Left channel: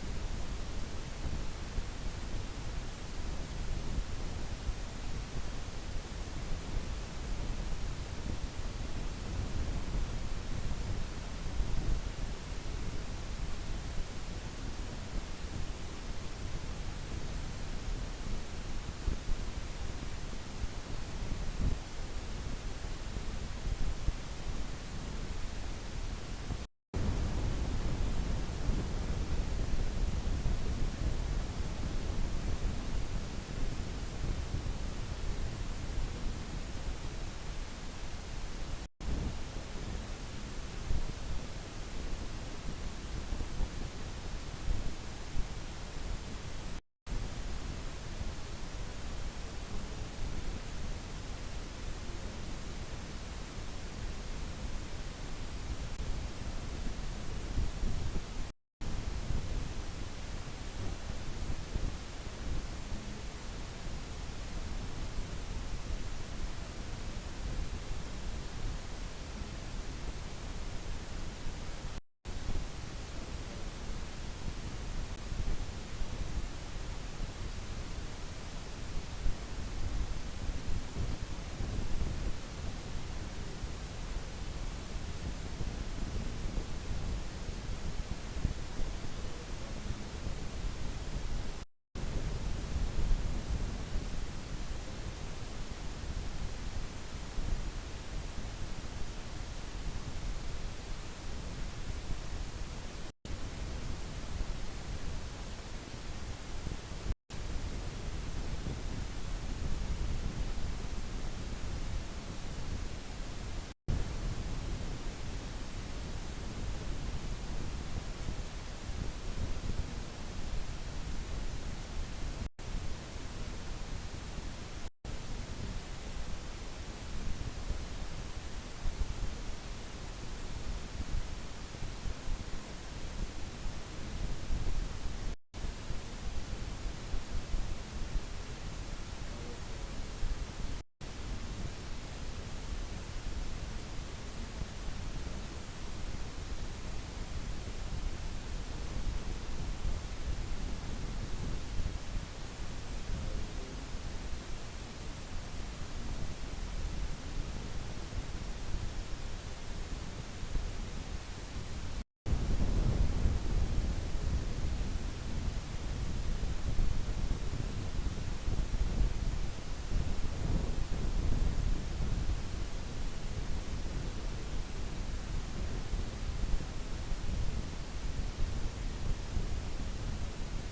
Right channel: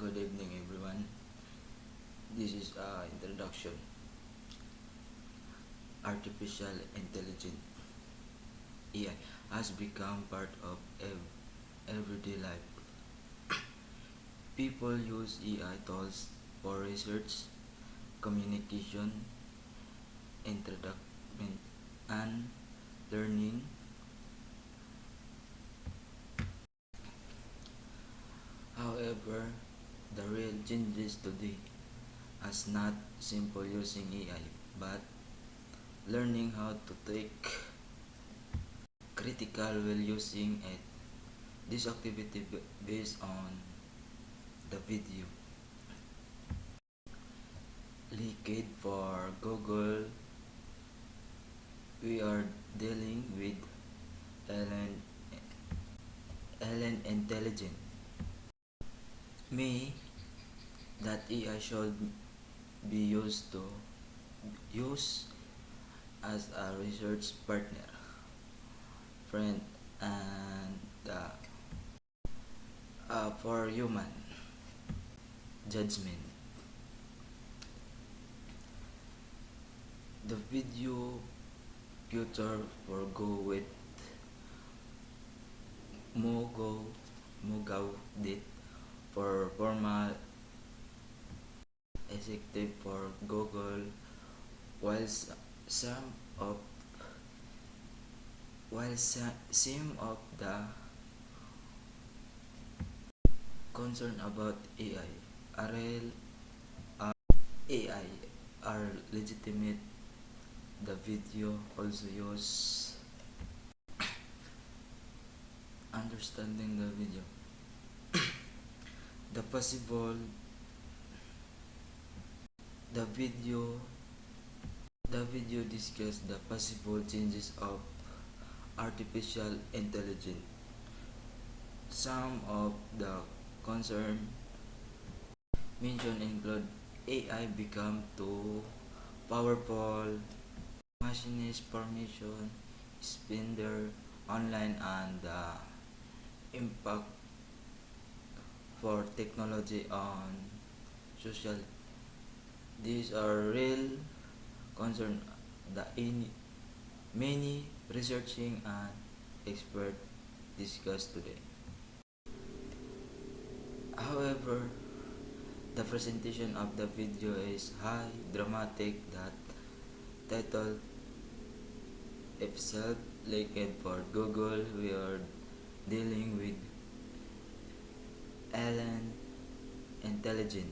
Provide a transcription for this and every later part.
good evening everyone. This is introduction. Artificial intelligence AI has become part of everyday life. People use AI tools for research, communication, introduction, and learning. However, the real changes today is not simple using AI, but learning how to take critical while using it. This activity based on the video leaked for Google. We are dealing with Ellen, Ellen Intelligent. Me that AI should be use as a research partner, friend, and for human judgment. The video future will go with Mugo Mugaw did for formal executive for Google, while some of some of the concern about AI are legitimate. The video also use understanding the video. The possible the video the video discuss the possible changes of artificial intelligence. Some of the concern mentioned include AI become too powerful, machinist formation, spender online, and the impact for technology on social. These are real concern that in many researching and expert discuss today. However, the presentation of the video is high dramatic that title itself leaked for Google. We are dealing with Ellen Intelligent.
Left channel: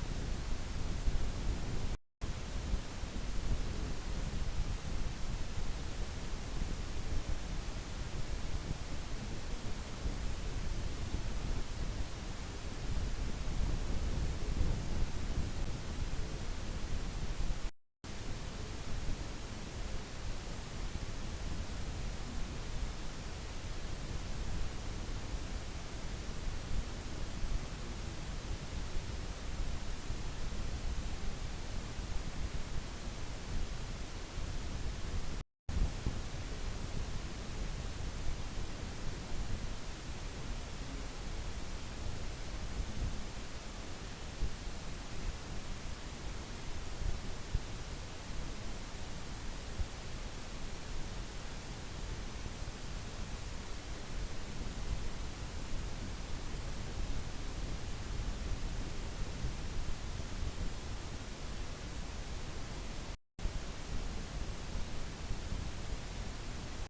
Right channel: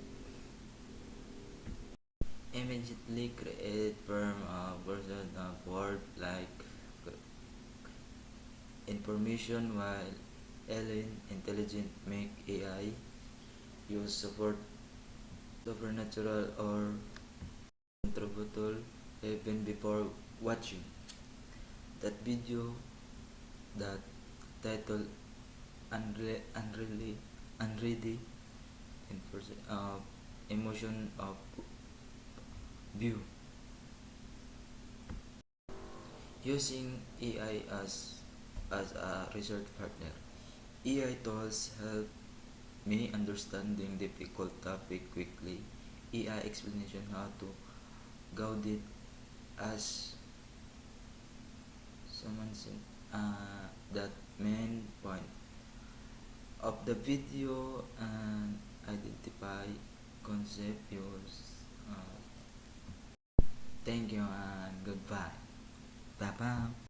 Immediately create firm version of word like information, while Ellen Intelligent make AI will support supernatural or contributor even before watching that video. That title unready emotion of view. Using AI as a research partner. AI tools help me understanding difficult topic quickly. AI explanation how to go deep as someone said, that main point of the video and identify concept use. Thank you and goodbye. Bye bye.